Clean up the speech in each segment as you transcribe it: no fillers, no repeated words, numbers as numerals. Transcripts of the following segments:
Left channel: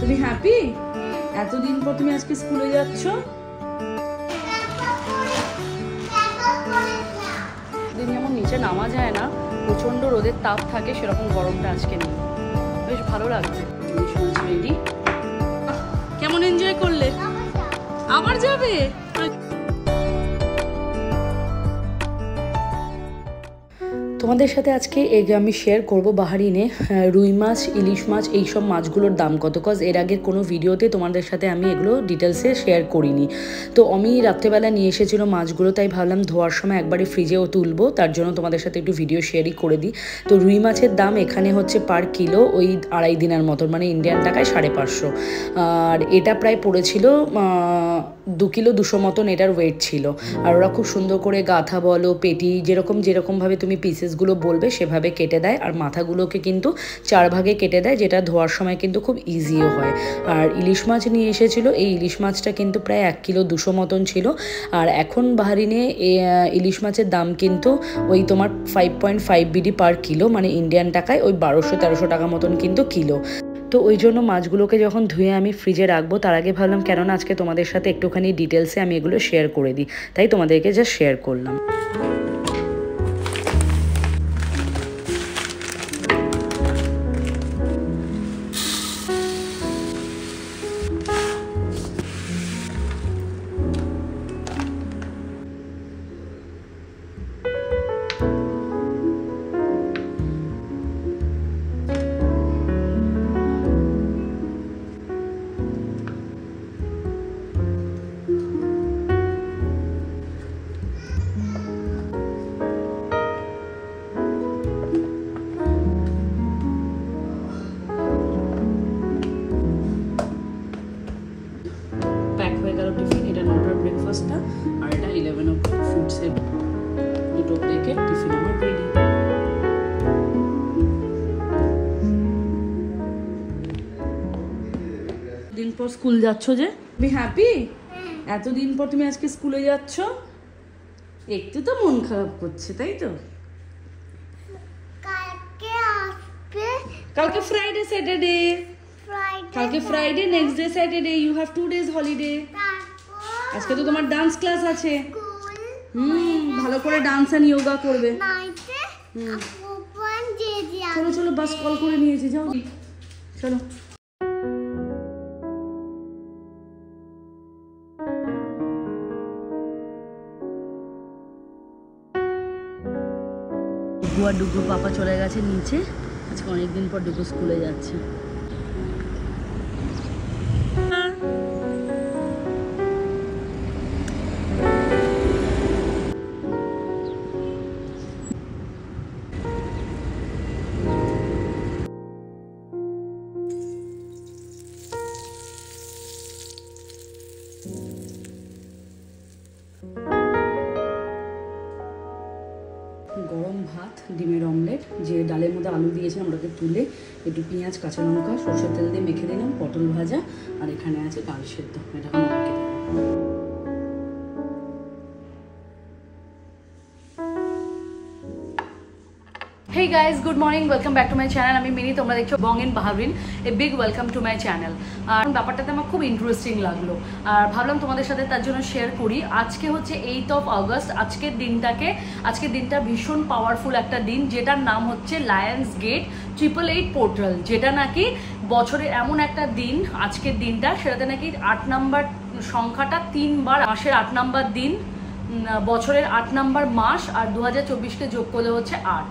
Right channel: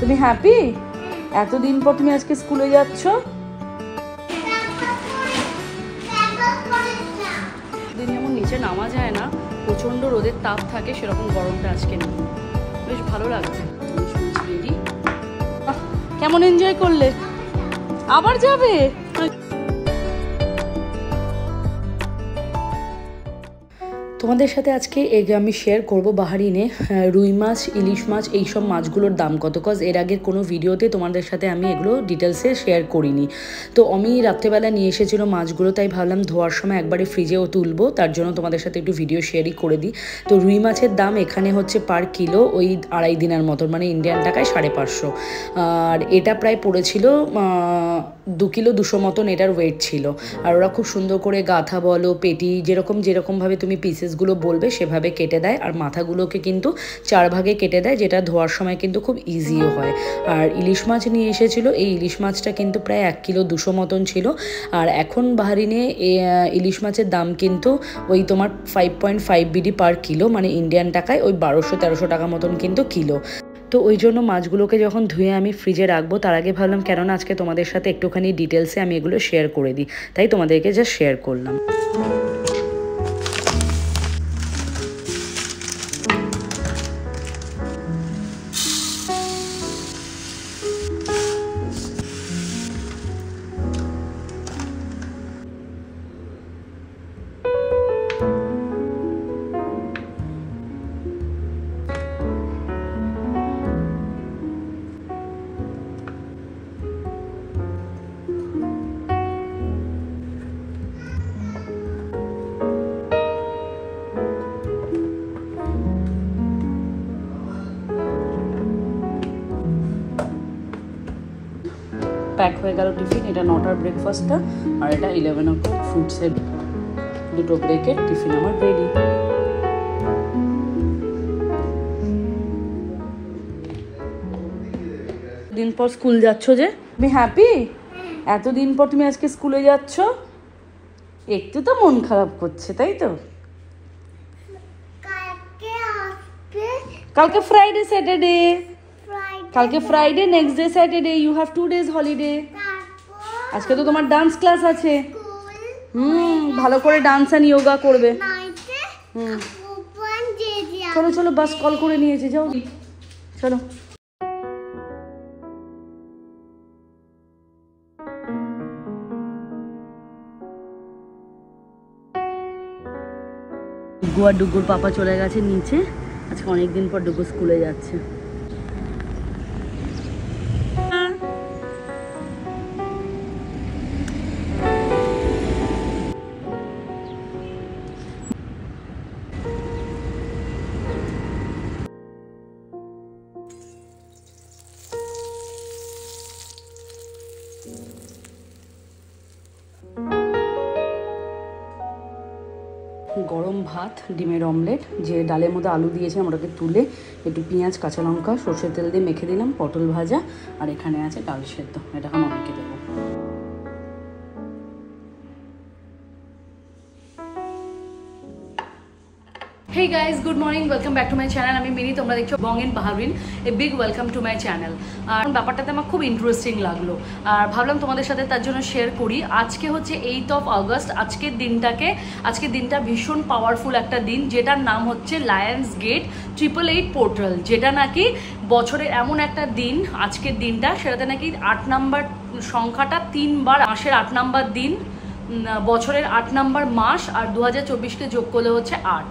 তুমি হ্যাপি? এতদিন পর তুমি আজকে স্কুলে যাচ্ছ? দিন যেমন নিচে নামা যায় না, প্রচন্ড রোদের তাপ থাকে, সেরকম গরমটা আজকে নেই। বেশ ভালো লাগছে। কেমন এনজয় করলে? আবার যাবে? তোমাদের সাথে আজকে আমি শেয়ার করব বাহারিনে রুই মাছ, ইলিশ মাছ, এইসব মাছগুলোর দাম কত। কজ এর আগের কোনো ভিডিওতে তোমাদের সাথে আমি এগুলো ডিটেলসে শেয়ার করিনি। তো আমি রাত্রেবেলা নিয়ে এসেছিলো মাছগুলো, তাই ভাবলাম ধোয়ার সময় একবারে ফ্রিজেও তুলবো, তার জন্য তোমাদের সাথে একটু ভিডিও শেয়ারই করে দিই। তো রুই মাছের দাম এখানে হচ্ছে পার কিলো ওই 2.5 দিনের মতন, মানে ইন্ডিয়ান টাকায় 550। আর এটা প্রায় পড়েছিল 2 কিলো 200 মতন এটার ওয়েট ছিল। আর ওরা খুব সুন্দর করে গাঁথা বলো, পেটি যেরকমভাবে তুমি পিসেসগুলো বলবে সেভাবে কেটে দেয়। আর মাথাগুলোকে কিন্তু 4 ভাগে কেটে দেয়, যেটা ধোয়ার সময় কিন্তু খুব ইজিও হয়। আর ইলিশ মাছ নিয়ে এসেছিলো, এই ইলিশ মাছটা কিন্তু প্রায় 1 কিলো 200 মতন ছিল। আর এখন বাহারিনে ইলিশ মাছের দাম কিন্তু ওই তোমার 5.5 বিডি পার কিলো, মানে ইন্ডিয়ান টাকায় ওই 1200-1300 টাকা মতন কিন্তু কিলো। তো ওই জন্য মাছগুলোকে যখন ধুয়ে আমি ফ্রিজে রাখবো, তার আগে ভাবলাম কেননা আজকে তোমাদের সাথে একটুখানি ডিটেলসে আমি এগুলো শেয়ার করে দিই, তাই তোমাদেরকে জাস্ট শেয়ার করলাম। প্যাক হয়ে গেল টিফিন। এটা 9টার ব্রেকফাস্টটা, আর এটা 11 ও ফুডসের দুটো ব্রেকের টিফিন আমার রেডি। দিন পর স্কুল যাচ্ছ যে, তুমি হ্যাপি? এতদিন পর তুমি আজকে স্কুলে যাচ্ছ, একটু তো মন খারাপ করছে, তাই তো? কালকে ফ্রাইডে স্যাটারডে, কালকে Friday, next day Saturday, you have 2 days holiday. আজকে তো তোমার ডান্স ক্লাস আছে। ভালো করে ডান্স আর যোগা করবে। চলো চলো, বাস কল করে নিয়েছে, যাও চলো। ডুগু আর ডুগুর পাপা চলে গেছে নিচে। আজকে অনেকদিন পর ডুগু স্কুলে যাচ্ছে। গরম ভাত, ডিমের অমলেট, যে ডালের মধ্যে আলু দিয়েছিলাম ওটাকে তুলে একটু পেঁয়াজ, কাঁচা লঙ্কা, সর্ষের তেল দিয়ে মেখে দিলাম, পটল ভাজা, আর এখানে আছে ডাল সেদ্ধ। এটা এখন অনেকে দেবো। Hey guys, good morning, welcome back to my channel. আমি মিনি, তোমরা দেখছো Bong in Bahrain. A big welcome to my channel. আর ব্যাপারটাতে আমার খুব ইন্টারেস্টিং লাগলো, আর ভাবলাম তোমাদের সাথে তার জন্য শেয়ার করি। আজকে হচ্ছে 8 অগস্ট। আজকের দিনটা ভীষণ পাওয়ারফুল একটা দিন, যেটার নাম হচ্ছে লায়ন্স গেট 888 পোর্টাল, যেটা নাকি বছরের এমন একটা দিন, আজকের দিনটা, সেটাতে নাকি 8 নাম্বার সংখ্যাটা 3 বার, মাসের 8 নাম্বার দিন, বছরের 8 নাম্বার মাস, আর 2024কে যোগ করলে হচ্ছে 8।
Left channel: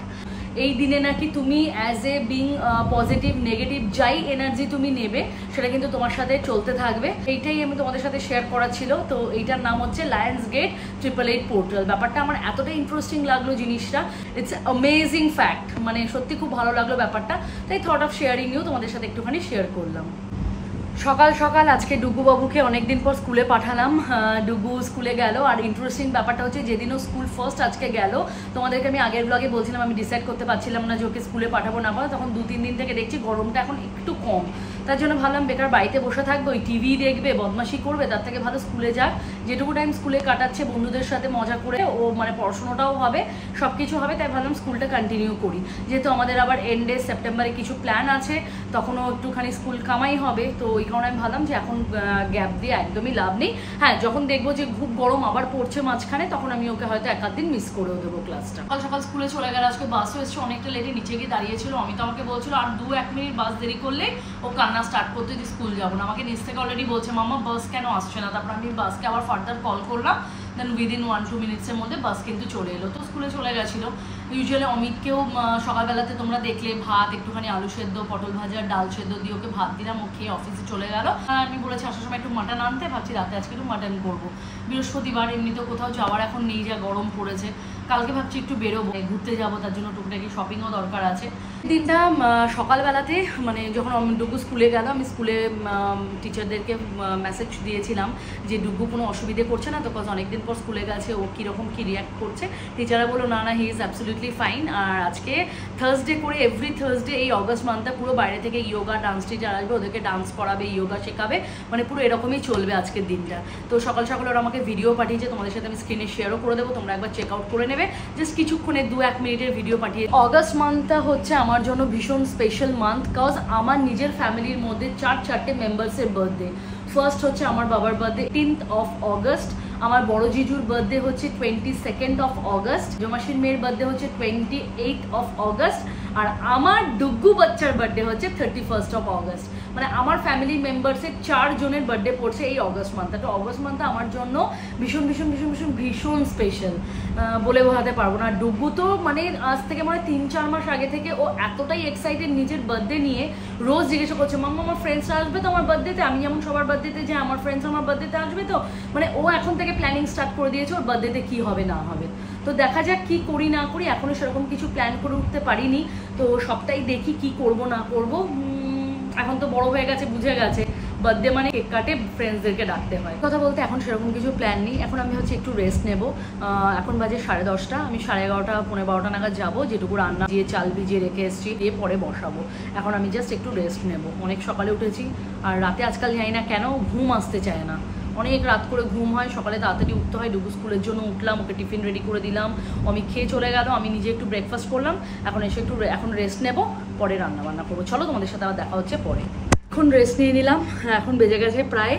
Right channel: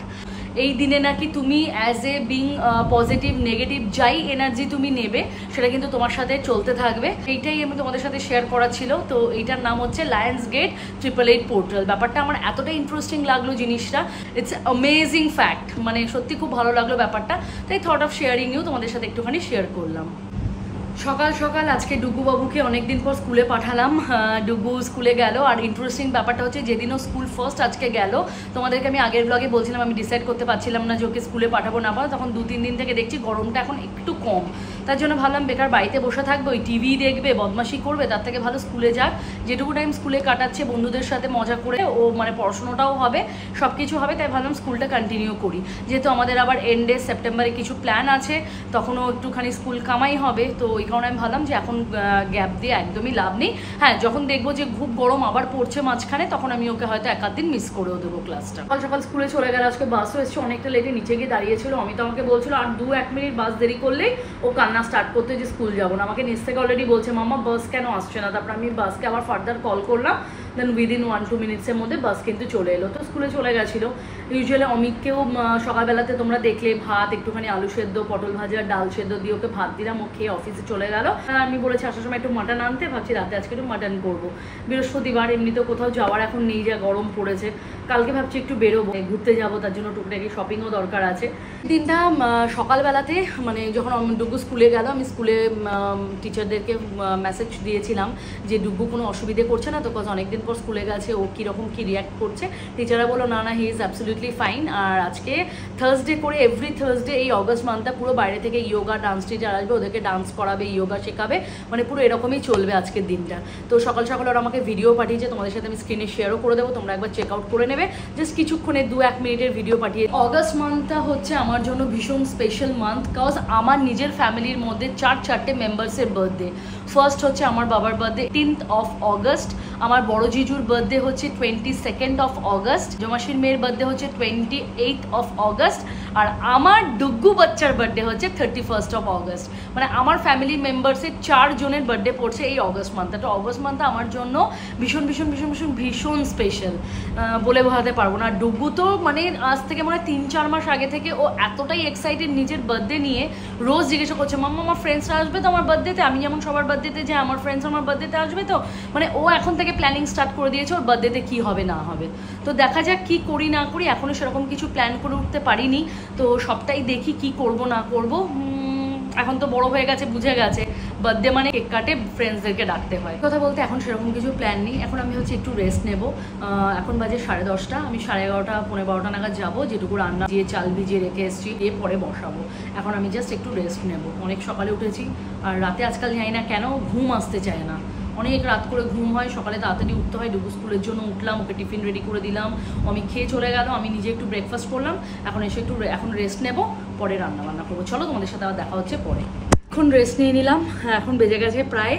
এই দিনে নাকি তুমি as a being positive, negative যাই এনার্জি তুমি নেবে, সেটা কিন্তু তোমার সাথে চলতে থাকবে। এইটাই আমি তোমাদের সাথে শেয়ার করা ছিল। তো এইটার নাম হচ্ছে লায়ন্স গেট 888 পোর্টাল। ব্যাপারটা আমার এতটা ইন্টারেস্টিং লাগলো জিনিসটা, ইটস অ্যামেজিং ফ্যাক্ট, মানে সত্যি খুব ভালো লাগলো ব্যাপারটা, তাই থট অফ শেয়ারিং ইউ তোমাদের সাথে একটুখানি শেয়ার করলাম। সকাল সকাল আজকে ডুগু বাবুকে অনেকদিন পর স্কুলে পাঠালাম। ডুগু স্কুলে গেল। আর ইন্টারেস্টিং ব্যাপারটা হচ্ছে যেদিনও স্কুল ফার্স্ট আজকে গেল, তোমাদেরকে আমি আগের ব্লগে বলছিলাম আমি ডিসাইড করতে পারছিলাম না যে ওকে স্কুলে পাঠাবো না পাঠাবো, তখন 2-3 দিন থেকে দেখছি গরমটা এখন একটু কম, তার জন্য ভাবলাম বেকার বাড়িতে বসে থাকবে, ওই টিভি দেখবে, বদমাশি করবে, তার থেকে ভালো স্কুলে যাক। যেটুকু টাইম স্কুলে কাটাচ্ছে বন্ধুদের সাথে মজা করে, ও মানে পড়াশোনাটাও হবে, সব কিছু হবে, তাই ভাবলাম স্কুলটা কন্টিনিউ করি। যেহেতু আমাদের আবার এন্ডে সেপ্টেম্বরে কিছু প্ল্যান আছে, তখনও একটুখানি স্কুল কামাই হবে, তো ওই কারণে আমি ভাবলাম যে এখন গ্যাপ দিয়ে একদমই লাভ নেই। হ্যাঁ, যখন দেখবো যে খুব গরম আবার পড়ছে মাঝখানে, তখন আমি ওকে হয়তো 1-8 দিন মিস করেও দেবো ক্লাসটা। সকাল সকাল স্কুলে চলে গেল। আজকে বাসও এসছে অনেকটা লেটে, নিচে গিয়ে দাঁড়িয়েছিল। আমি তো আমাকে বলছিল আর 2-1 মিনিট বাস দেরি করলেই ও কান্না স্টার্ট করতে যে স্কুল যাবো না। আমাকে নিচ থেকে অলরেডি বলছে মাম্মা বাস কেন আসছে না। তারপর আমি বাসকে আবার ফার্দার কল করলাম, দেন উইদিন 1-2 মিনিটসের মধ্যে বাস কিন্তু চলে এলো, তো স্কুলে চলে গেছিলো। ইউজুয়ালি অমিতকেও সকালবেলাতে তোমরা দেখলে ভাত, একটুখানি আলু সেদ্ধ, পটল ভাজা, ডাল সেদ্ধ দিয়ে ওকে ভাত দিলাম, ও খেয়ে অফিসে চলে গেল। আমি বলেছি আসার সময় একটু মাটন আনতে, ভাবছি রাতে আজকে একটু মাটন করবো। বৃহস্পতিবার, এমনিতেও কোথাও যাওয়ার এখন নেই, যা গরম পড়েছে। কালকে ভাবছি একটু বেরোবো, ঘুরতে যাবো, তার জন্য টুকটাকি শপিংও দরকার আছে। দিনটা সকালবেলাতে মানে যখন ডুগু স্কুলে গেল, আমি স্কুলে টিচারদেরকে মেসেজ দিয়েছিলাম যে ডুগু কোনো অসুবিধে করছে না তো, কজ অনেকদিন পর স্কুলে গেছে, ও কীরকম কী রিয়াক্ট করছে। টিচাররা বললো না না, হি ইজ অ্যাবসলিউটলি ফাইন। আর আজকে থার্সডে করে এভরি থার্সডে এই অগস্ট মান্থটা পুরো বাইরে থেকে ইয়োগা ডান্স টিচার আসবে, ওদেরকে ডান্স করাবে, ইয়োগা শেখাবে, মানে পুরো এরকমই চলবে আজকের দিনটা। তো সকাল সকাল ওরা আমাকে ভিডিও পাঠিয়েছে, তোমাদের সাথে আমি স্ক্রিনে শেয়ারও করে দেবো, তোমরা একবার চেক আউট করে নেবে। জাস্ট কিছুক্ষণে 2-1 মিনিটের ভিডিও পাঠিয়ে। অগস্ট মান্থটা হচ্ছে আমার জন্য ভীষণ স্পেশাল মান্থ, কজ আমার নিজের ফ্যামিলির মধ্যে 4 মেম্বার্সের বার্থডে। ফার্স্ট হচ্ছে আমার বাবার বার্থডে 18th of August, আমার বড় জিজুর বার্থডে হচ্ছে 22nd of August, জমাসির মেয়ের বার্থডে হচ্ছে 28th of August, আর আমার ডুগু বাচ্চার বার্থডে হচ্ছে 31st of August। মানে আমার ফ্যামিলি মেম্বার্সের 4 জনের বার্থডে পড়ছে এই অগস্ট মান্থটা। তো অগস্ট মান্থটা আমার জন্য ভীষণ ভীষণ ভীষণ ভীষণ ভীষণ স্পেশাল, বলে বোঝাতে পারবো না। ডুগু তো মানে আজ থেকে মানে 3-4 মাস আগে থেকে ও এতটাই এক্সাইটেড নিজের বার্থডে নিয়ে, রোজ জিজ্ঞাসা করছে মাম্মা আমার ফ্রেন্ডসরা আসবে তো আমার বার্থডেতে, আমি যেমন সবার বার্থডেতে যে আমার ফ্রেন্ডস আমার বার্থডেতে আসবে তো, মানে ও এখন থেকে প্ল্যানিং স্টার্ট করে দিয়েছে ওর বার্থডেতে কী হবে না হবে। তো দেখা যাক কী করি না করি, এখনও সেরকম কিছু প্ল্যান করে উঠতে পারিনি, তো সবটাই দেখি কি করব না করব। এখন তো বড় হয়ে গেছে, বুঝে গেছে বার্থডে মানে কেক কাটে, ফ্রেন্ডসদেরকে ডাকতে হয়। কথা বলতে এখন সেরকম কিছু প্ল্যান নেই, এখন আমি হচ্ছে একটু রেস্ট নেব। এখন বাজে 10:30, আমি 11:30 12:15 নাগাদ যাবো, যেটুকু রান্না দিয়ে চাল ভিজিয়ে রেখে এসেছি দিয়ে পরে বসাবো। এখন আমি জাস্ট একটু রেস্ট নেব। অনেক সকালে উঠেছি, আর রাতে আজকাল জানি না কেন ঘুম আসতে চায় না, অনেক রাত করে ঘুম হয়, সকালে তাড়াতাড়ি উঠতে হয়। ডুগু স্কুলের জন্য উঠলাম, ওকে টিফিন রেডি করে দিলাম, আমি খেয়ে চলে গেল, আমি নিজে একটু ব্রেকফাস্ট করলাম। এখন এসে একটু এখন রেস্ট নেব, পরে রান্না বান্না করবো। চলো তোমাদের সাথে আবার দেখা হচ্ছে পরে। এখন রেস্ট নিয়ে নিলাম, এখন বেজে গেছে প্রায়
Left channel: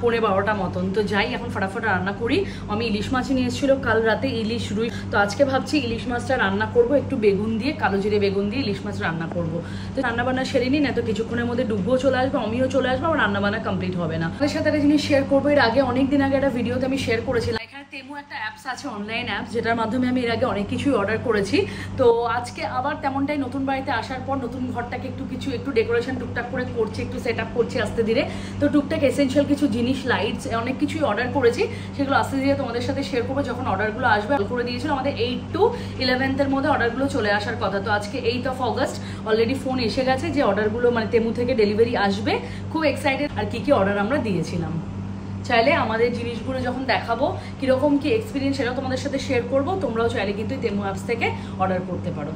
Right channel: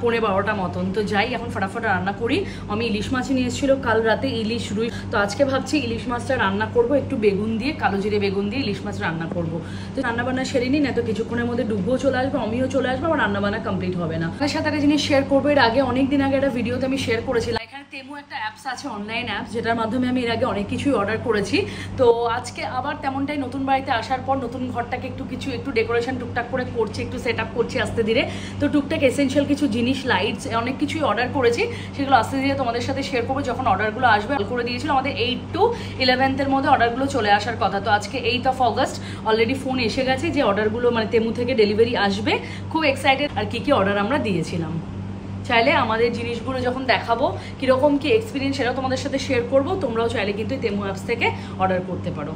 11:15 মতন। তো যাই এখন ফটাফট রান্না করি। আমি ইলিশ মাছই নিয়ে এসেছিলো কাল রাতে, ইলিশ রুই, তো আজকে ভাবছি ইলিশ মাছটা রান্না করব একটু বেগুন দিয়ে, কালো জিরে বেগুন দিয়ে ইলিশ মাছ রান্না করব। তো রান্নাবান্না সেরে নিই, না তো কিছুক্ষণের মধ্যে ডুবুও চলে আসবে, আমিও চলে আসবো, আমার রান্নাবান্না কমপ্লিট হবে না। আপনার সাথে একটা জিনিস শেয়ার করবো, এর আগে অনেকদিন আগে একটা ভিডিওতে আমি শেয়ার করেছিলাম, এখানে তেমু একটা অ্যাপস আছে, অনলাইন অ্যাপস, যেটার মাধ্যমে আমি এর আগে অনেক কিছুই অর্ডার করেছি। তো আজকে আবার তেমনটাই নতুন বাড়িতে আসার পর নতুন ঘরটাকে একটু ডেকোরেশন টুকটাক করে করছি, একটু সেট আপ করছি আস্তে ধীরে। তো টুকটাক এসেনশিয়াল কিছু জিনিস, লাইটস, অনেক কিছুই অর্ডার করেছি, সেগুলো আস্তে ধীরে তোমাদের সাথে শেয়ার করবো যখন অর্ডারগুলো আসবে। কল করে দিয়েছিল আমাদের 8 to 11 মধ্যে অর্ডারগুলো চলে আসার কথা। তো আজকে 8th of August already phone এসে গেছে যে অর্ডারগুলো মানে তেমু থেকে ডেলিভারি আসবে। খুব এক্সাইটেড, আর কি কি অর্ডার আমরা দিয়েছিলাম। চাইলে আমাদের জিনিসগুলো যখন দেখাবো কীরকম কি এক্সপিরিয়েন্স, সেটাও তোমাদের সাথে শেয়ার করবো। তোমরাও চাইলে কিন্তু তেমু অ্যাপস থেকে অর্ডার করতে পারো।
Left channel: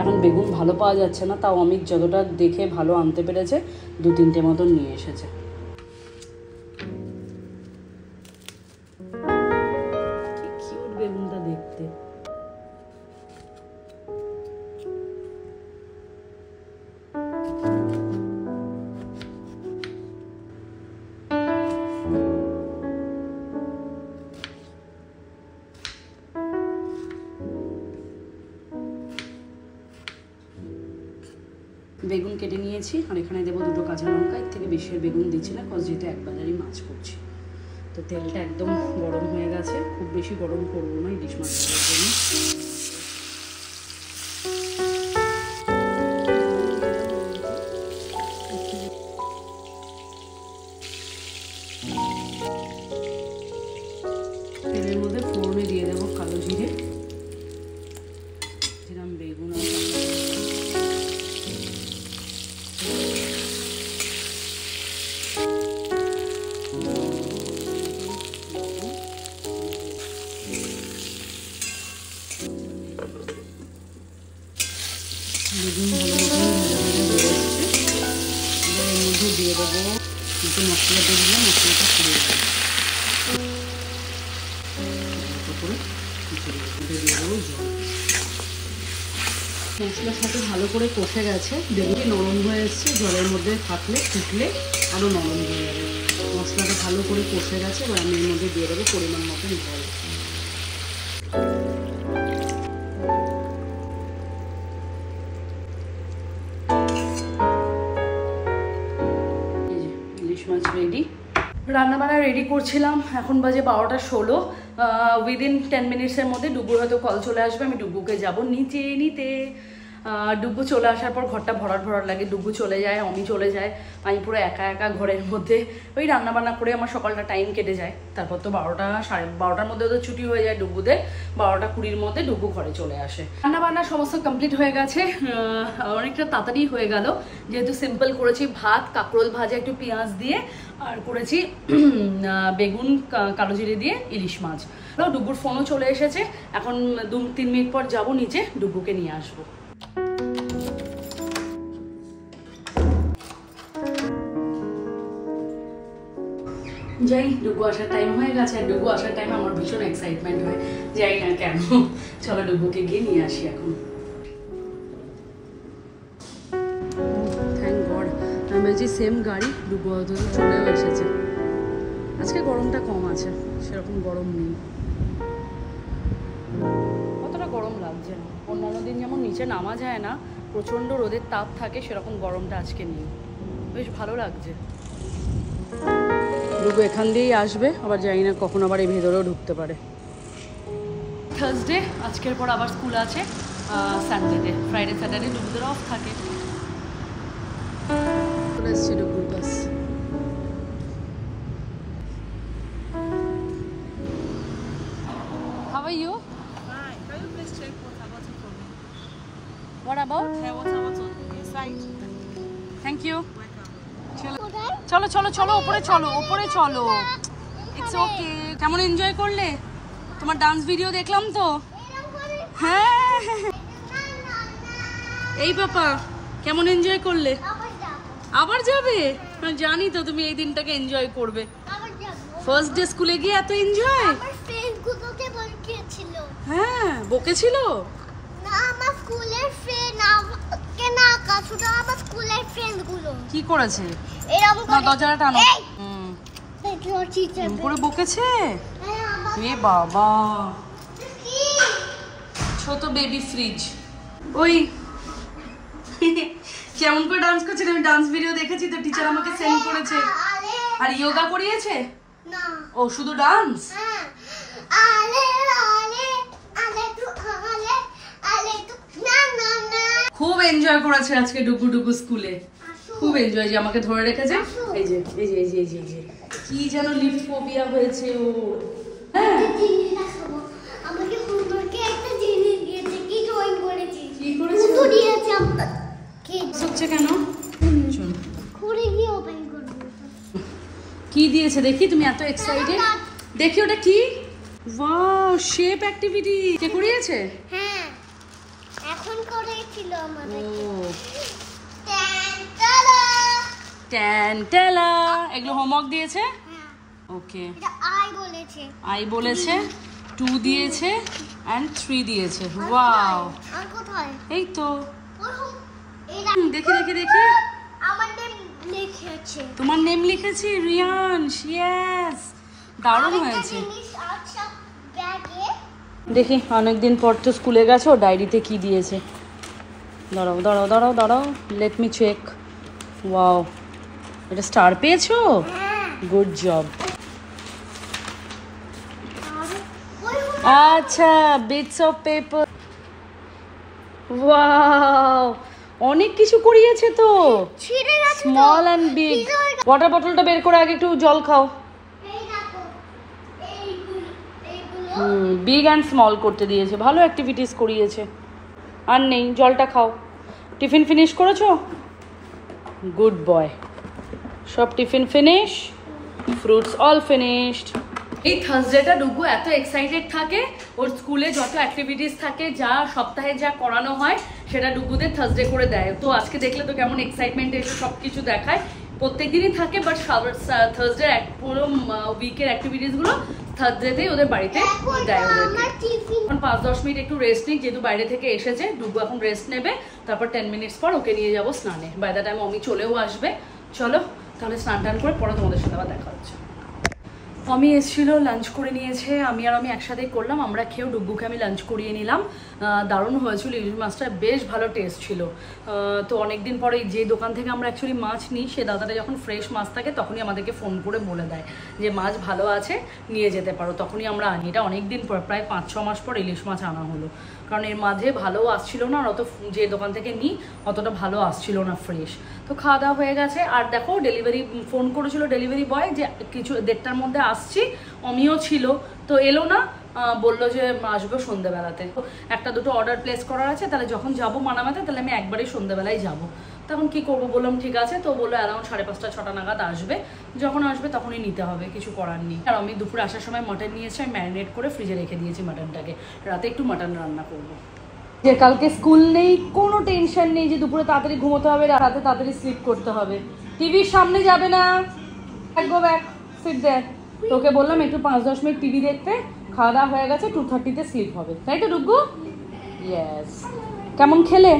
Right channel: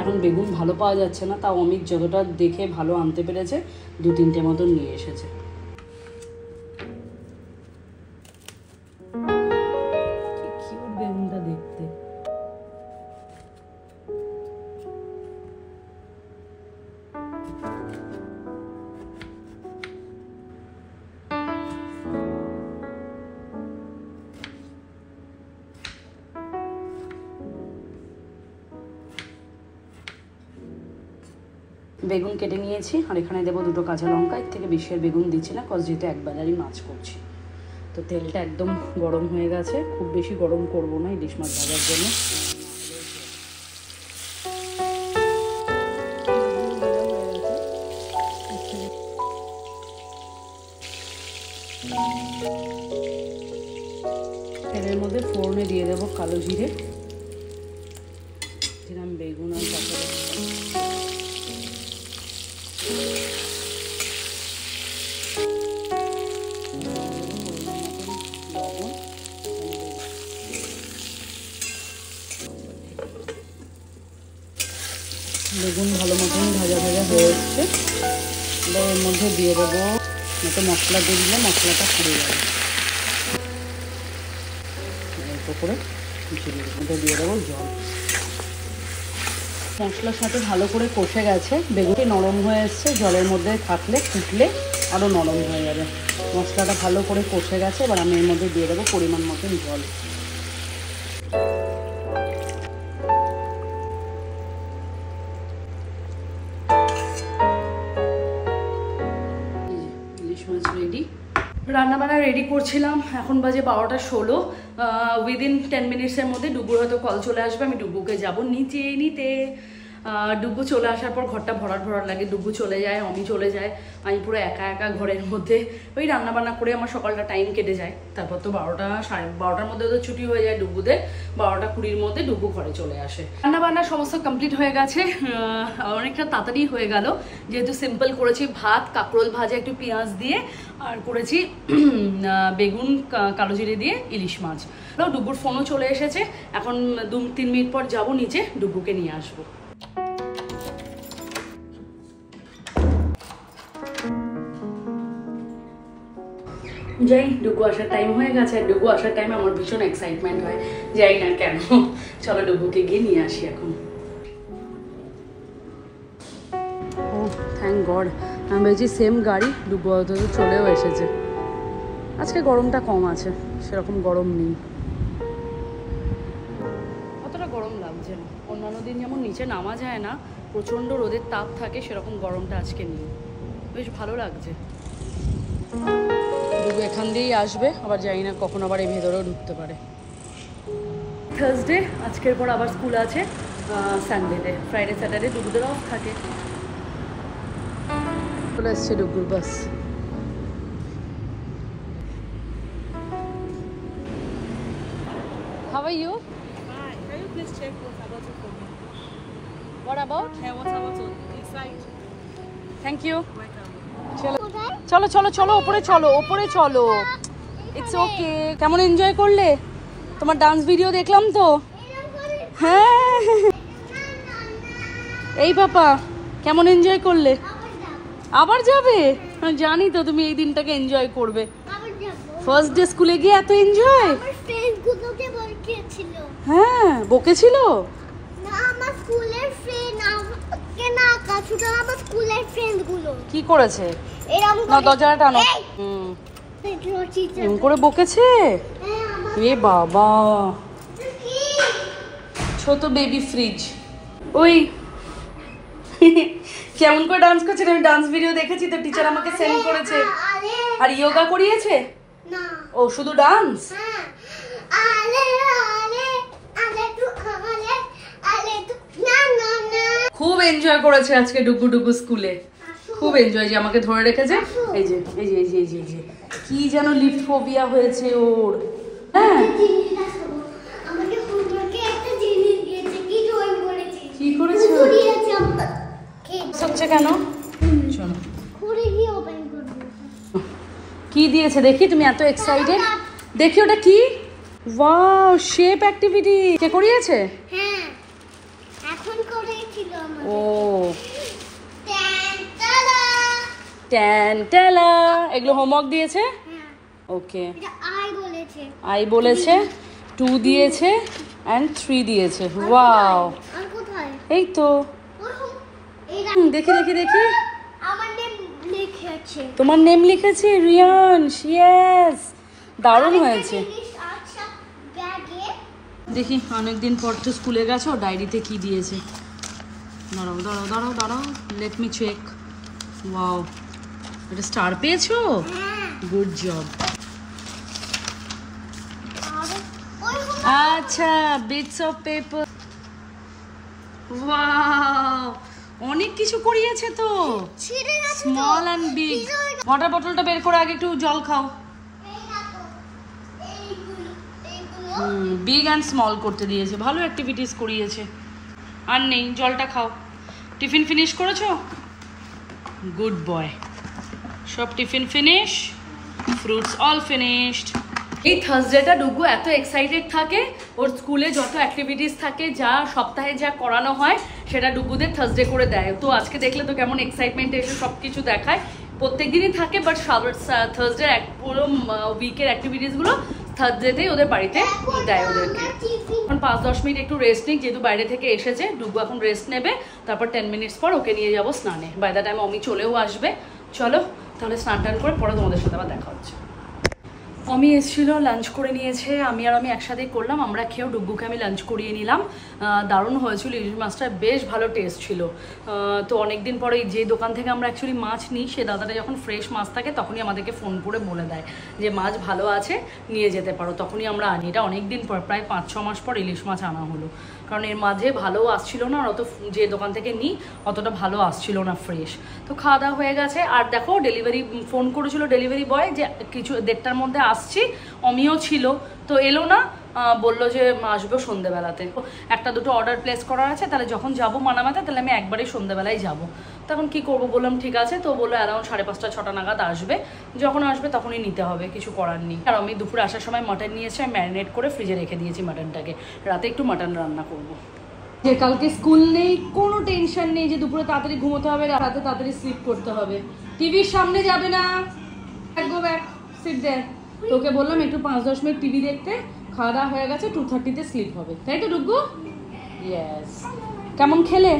এখন বেগুন ভালো পাওয়া যাচ্ছে না, তাও অমিত যতটা দেখে ভালো আনতে পেরেছে 2-3টে মতন নিয়ে এসেছে। কি কিউট বেগুনটা দেখতে। বেগুন কেটে নিয়েছি, আর এখানে দেবো 2টো কাঁচা লঙ্কা। এর থেকে বেশি বেগুন দিচ্ছি না, কজ যেহেতু একবাজারই মাছ করছি। তো তো তেলটা একদম গরম হয়ে গেছে, খুব বেশি গরম করবো না ইলিশ মাছ ভাজার জন্য। তেলের মধ্যে ফোড়নে দিয়ে দেবো কালো জিরে, দিলাম বেগুন আর কাঁচা বেগুন ভালো মতন ভাজা ভাজা হয়ে এসছে। এবার এর মধ্যে দিয়ে দেবো মতো মশলা দিয়ে দিলে মশলাটা পুড়ে যাবে। অল্প করে মধ্যে দিয়ে দেবো জল। মশলার সাথে ভালো করে কষে গেছে, বেগুনটি নরম হয়ে এসছে। জলের মধ্যে থাকলে ফুটলে আরও নরম হয়ে যাবে। মশলাটা ভালো করে কষে গেছে, এবার আমি এর মধ্যে দিয়ে দেবো পরিমাণ মতন জল। ইলিশ মাছ রেডি। রান্নাবান্না রেডি করছিলাম, এখন বাজে 12:16। উইদিন 10 মিনিটসের মধ্যে ডুগুর হয়তো কল চলে আসবে, আমি ডুগুকে যাব নিচে নিতে। ডুগু চলে আসার পর ঘরটা ভরাট ভরাট লাগে। ডুগু চলে যায়, অমি চলে যায়, আমি পুরো একা একা ঘরের মধ্যে ওই রান্নাবান্না করে আমার সকালটা টাইম কেটে যায়। তারপর তো 12টা সাড়ে 12টার মধ্যে তো ছুটি হয়ে যায় ডুগুদের। 12:20-র মধ্যে ডুগু ঘরে চলে আসে। রান্নাবান্না সমস্ত কমপ্লিট হয়ে গেছে, অনেকটা তাড়াতাড়ি হয়ে গেল যেহেতু সিম্পল করেছি। ভাত, কাঁকরোল ভাজা একটু পেঁয়াজ দিয়ে, আর করেছি বেগুন কালো জিরে দিয়ে ইলিশ মাছ। ডুগুর ফোনও চলে এসেছে, এখন 2-3 মিনিট পর যাবো নিচে, ডুগুকে নিয়ে আসবো। যাই, ডুগু আসার টাইম হয়ে গেছে। আর ডুগু আসার টাইমে আমার ভীষণ এক্সাইটমেন্ট হয়, যাই না কেন। চলো ডুগুকে গিয়ে নিয়ে আসি এখন। ও থ্যাংক গড, আমি বলছি সেম গাড়ি, ডুগু হয়তো চলেও এসেছে। আজকে গরমটা কম আছে, সেরকম গরম নেই, অতটা গরম লাগছে না। অন্যান্য দিন যেমন নিচে নামা যায় না, প্রচণ্ড রোদের তাপ থাকে, সেরকম গরমটা আজকে নেই, বেশ ভালো লাগছে। ডুগু এখান দিয়েই আসবে, আবার জানি না কখন আবার এই ভেতরেও ঢুকতে পারে। থার্সডে, আজকের পর আবার স্কুল আছে সানডেতে। ফ্রাইডে স্যাটারডে ডুগুদের অফ থাকে। চলে এসছে ডুগুর বাস। How are you? Hi. Can you please check what's about it for me? What about? And what's about it inside? Thank you. Welcome. চলো চলো চলো, ওপরে চলো, ওপরে চলো। It's okay. কেমন এনজয় করলে? তোমার ডান্স ভিডিও দেখলাম তো। হ্যাঁ, এই বাবা কেমন এনজয় করলে? আবার যাবে? জানি তো তুমি এই দিনটাকে এনজয় করবে। ফার্স্ট ডে স্কুলে গিয়ে এত এনজয়। আমার ফ্রেন্ডগুলোতে বকেছিল। হ্যাঁ, বকেছিল? না, আমার স্কুলের ফ্রেন্ড আমাকে না, শুধু আমার স্কুলের ফ্রেন্ডগুলো। কি করেছে? এরকম না, দরজাটা টানো। এরকম করে বকেছে? এ বাবা, ছোট বেবি ফ্রিজ। ওই কেমন করে ডান্স করছে, আমি ডান্স ভিডিও দেখেছি তো, টিচার আমাকে সেন্ড করেছে। আর ইয়োগা করিয়েছে? না, ও শুধু ডান্স? খুব এনজয় করেছে আজকে ডুগু ডুগু স্কুলে, খুব এনজয়। যে আমাকে ধরে রেখেছে, এই যে এই যে এই যে এই যে এই যে কি যেন লিফট ফোবিয়া হয়েছে ওর। হ্যাঁ, আমাকে হোমওয়ার্কে একটা জিনিস দিয়েছে, কি ড্রয়িং করেছি। কি করেছো? দিয়েছে আমাকে। হচ্ছে কেন? চলো খুলে গিয়ে ওপেন করব। কি দিয়েছে দেখি, তুমি এত এক্সাইটেড। দেখি ওটা কি? Wow, shape activity. কে করিয়েছে? হ্যাঁ, এখন করেছিল আমার। ও ট্যান্টালা। ট্যান্টালা, এগুলো হোমওয়ার্ক দিয়েছে? হ্যাঁ, ওকে, এটা আই বলেছে। আই বলেছে, 2 দিয়েছে এন্ড 3 দিয়েছে। ওয়াও, আর কোথায়? এই তো। দেখি দেখি দেখি, আমার নেম লিখে আছে। তোমার নেম লিখেছি, রিয়ানশ। ইয়েস, দারুণ হয়েছে। আচ্ছা, ব্যাগে দেখি, অনেকদিন পর তো স্কুলে গেছো, ডায়েরিতে কি দিয়েছে। দাঁড়াও দাঁড়াও দাঁড়াও দাঁড়াও, লেট মি চেক। ওয়াও, এটা স্টার পেয়েছো? হ্যাঁ, গুড জব। আচ্ছা বিটস অফ পেপার, ওয়াও অনেক কিছু করিয়েছে তো, ছিঁড়ে গেছে তো। Small and big. ওয়াটার বটলটা বের করে আগে একটু জল খাও। এই দেখো, এইগুলো বিগ অ্যান্ড স্মল করতে দিয়েছে, ভালো অ্যাক্টিভিটিস করিয়েছে। আর নেই, জলটা খাও। টিফিন ফিনিশ করেছো? Good boy. সব tiffin finish, fruits all finished. এই থার্সডেটা ডুগু এত এক্সাইটেড থাকে, ওর স্কুলে যত অ্যাক্টিভিটিস থাকে, যা সপ্তাহে যা করানো হয় সেটা ডুগুদের থার্সডে করে দেয়। তো আজকে দেখলে তো কেমন এক্সাইটমেন্ট এসে সব কিছু দেখায়। প্রত্যেক দিনই থাকে, বাট থার্সডে পুরো উইকের অ্যাক্টিভিটিসগুলো থার্সডেতেই ওদের বাড়িতে দেয় ওদেরকে। এখন 5-10 মিনিট একটু রেস্ট নিই, যেহেতু বাইরে থেকে এসেছে। ডুগু এখন রেস্ট নেবে, তারপর 10 মিনিটস পর ওকে নিয়ে যাবো স্নানে। বাই দ্য টাইম অমি চলেও আসবে। চলো তাহলে স্নান টান করে পরে তোমাদের সাথে আবার দেখা হচ্ছে। অমি এসেছিলো, লাঞ্চ করে নিয়েছে, আমি একসাথেই করলাম। আমরা খেয়েও ডুগ্গুকে আমি লাঞ্চ করিয়ে নিলাম। দারুণ হয়েছিল, ইলিশ মাছটা বেশ ভালো টেস্ট ছিল। তো অনেকদিন পরে যে দোকান থেকে আমরা অ্যাকচুয়ালি মাছ নিই, সে দাদাটা যখন ফ্রেশ মাছ থাকে তখনই আমাদেরকে ফোন করে বলে দেয় যে মাছ ভালো আছে, নিয়ে যেতে পারো, তখনই আমরা আনি। এটা অনেকদিন পর, প্রায় 5-6 মাস পর ইলিশ মাছ আনা হলো, কারণ এর মাঝে ভালো আসছিল না, আর অত যে দোকান থেকে নিই অতটা ভালো আসছিল না ফ্রেশ। তো খাওয়া দাওয়া হয়ে গেছে। আর দেখো ডেলিভারি ফোন করেছিল ডেলিভারি বয় যে কিছু 1:30টার মধ্যে আসছি, অমিও ছিল, তো এলো না, বললো যে আসবে সন্ধ্যেবেলাতে। একটা দুটো অর্ডার প্লেস করার আছে, তাহলে যখন যাবো মানামাতে তাহলে আমি একবারই সন্ধ্যেবেলায় যাবো। তখন কি করবো, বললাম ঠিক আছে। তো বললো অ্যারাউন্ড 5:30-6টা নাগাদ আসবে, যখন আসবে তখনই নিতে হবে, কিছু করার নেই। আর আমি দুপুরে আসার সময় মাটন নিয়েছি, আমি ম্যারিনেট করে ফ্রিজে রেখে দিয়েছি মাটনটাকে, রাতে একটু মাটন রান্না করবো। যে কালকে স্কুল নেই, কোনো টেনশন নেই যে দুপুরে তাড়াতাড়ি ঘুমোতে হবে, রাতে তাড়াতাড়ি স্লিপ করতে হবে। টিভির সামনে যাবে না, গো ব্যাক, সিট দেয়ার। তোকে বললাম একটু 5-10 মিনিট টিভি দেখতে, খাওয়া দাওয়া হয়ে গেছে, 2:30-তে স্লিপ হবে, তাই তো ডুগু? ইয়েস। কেমন খেলে?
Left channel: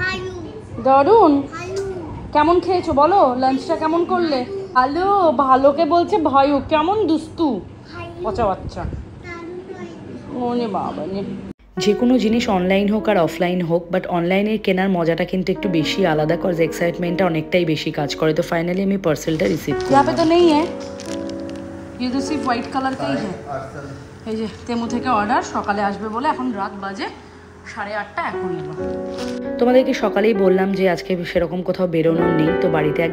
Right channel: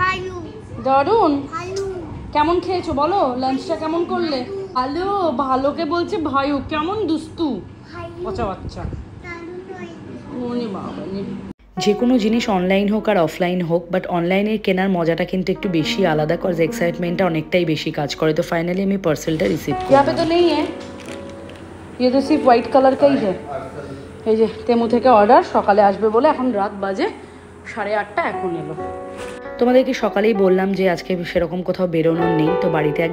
হালু দারুন। হালু কেমন খেয়েছো বলো, লাঞ্চটা কেমন করলে? ভালো, ভালোকে বলছে ভাইও, কেমন দুস্তু বাচ্চা বাচ্চা। ওরে বাবা, যে কোনো জিনিস অনলাইন হোক আর অফলাইন হোক, বাট অনলাইনে কেনার মজাটা কিন্তু একটু বেশি আলাদা, কজ এক্সাইটমেন্টটা অনেকটাই বেশি কাজ করে। তো ফাইনালি আমি পার্সেলটা রিসিভ করলাম। यहाँ पे तो नहीं है, ये तो सिर्फ व्हाइट कलर का ही है। এই যে তেমু থেকে অর্ডার, সকালে আসবে বলে, এখন রাত বাজে 8:30, এখন এলো। তোমাদেরকে সকালেই বললাম যে আজকে সেরকম কোথাও বেরোনোর নেই, তো বাড়িতে এক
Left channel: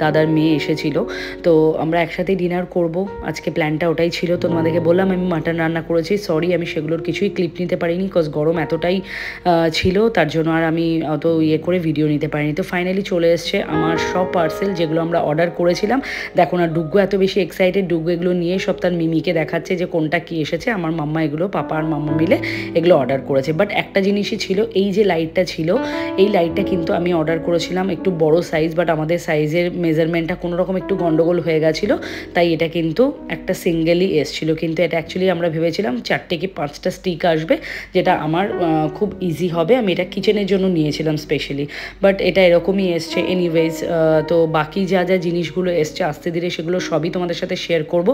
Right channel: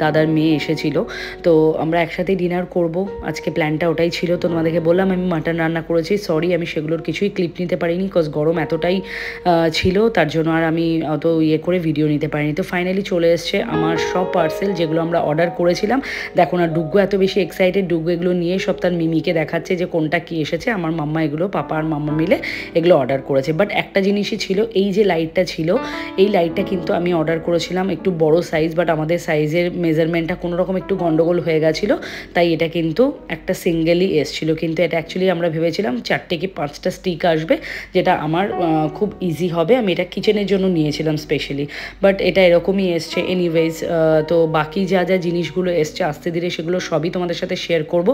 দাদার মেয়ে এসেছিল, তো আমরা একসাথে ডিনার করব, আজকে প্ল্যানটা ওটাই ছিল। তো তোমাদেরকে বললাম আমি মাটন রান্না করেছি, সরি আমি সেগুলোর কিছুই ক্লিপ নিতে পারিনি, কজ গরম এতটাই ছিল, তার জন্য আর আমি অত করে ভিডিও নিতে পারিনি। তো ফাইনালি চলে এসছে আমার সব পার্সেল, যেগুলো আমরা অর্ডার করেছিলাম। দেখো না ডুগ্গু এত বেশি এক্সাইটেড, ডুগ্গু এগুলো নিয়ে সব তার মিমিকে দেখাচ্ছে যে কোনটা কি এসেছে। আমার মাম্মা এগুলো, পাপা আর মাম্মা মিলে এগুলো অর্ডার করেছে। বাট একটা জিনিসই ছিল, এই যে লাইটটা ছিল, এই লাইটটা কিন্তু আমি অর্ডার করেছিলাম একটু বড় সাইজ, বাট আমাদের সাইজের মেজারমেন্টটা কোনো রকম একটু গন্ডগোল হয়ে গেছিলো, তাই এটা কিন্তু একটা সিঙ্গেলই এসেছিলো। কিন্তু এটা অ্যাকচুয়ালি আমরা ভেবেছিলাম 4টে কি 5টা স্টিক আসবে, যেটা আমার খুব ইজি হবে। আমি এটা কিচেনের জন্য নিয়েছিলাম স্পেশালি, বাট এটা এরকমই এসছে। এনিওয়েজ, তো বাকি যা যা জিনিসগুলো এসছে আস্তে ধীরে সেগুলো সবই তোমাদের সাথে শেয়ার করব।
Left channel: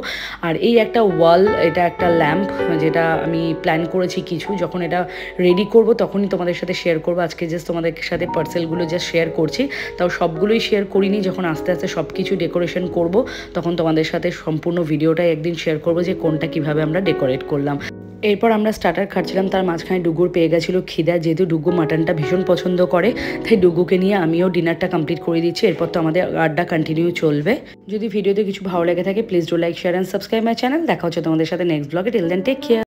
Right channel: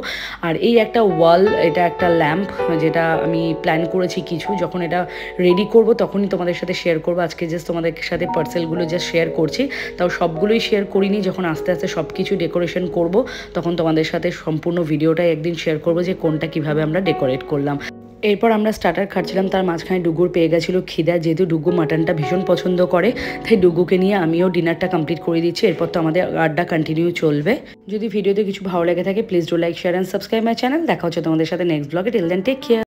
আর এই একটা ওয়াল, এটা একটা ল্যাম্প, যেটা আমি প্ল্যান করেছি কিছু, যখন এটা রেডি করব তখনই তোমাদের সাথে শেয়ার করবো। আজকে জাস্ট তোমাদের সাথে পার্সেলগুলো জাস্ট শেয়ার করছি, তাও সবগুলোই শেয়ার করিনি। যখন আস্তে আস্তে সব কিছু ডেকোরেশন করব তখন তোমাদের সাথে সম্পূর্ণ ভিডিওটাই একদিন শেয়ার করব যে কোনটা কিভাবে আমরা ডেকোরেট করলাম। এরপর আমরা স্টার্টার খাচ্ছিলাম, তার মাঝখানে ডুগুর পেয়ে গেছিলো খিদা, যেহেতু ডুগু মাটনটা ভীষণ পছন্দ করে, তাই ডুগুকে নিয়ে আমিও ডিনারটা কমপ্লিট করে দিচ্ছি। এরপর তো আমাদের আড্ডা কন্টিনিউ চলবে। যদি ভিডিওতে কিছু ভালো লেগে থাকে please do like, share and subscribe my channel. দেখা হচ্ছে তোমাদের সাথে নেক্সট ব্লগে। Till then take care.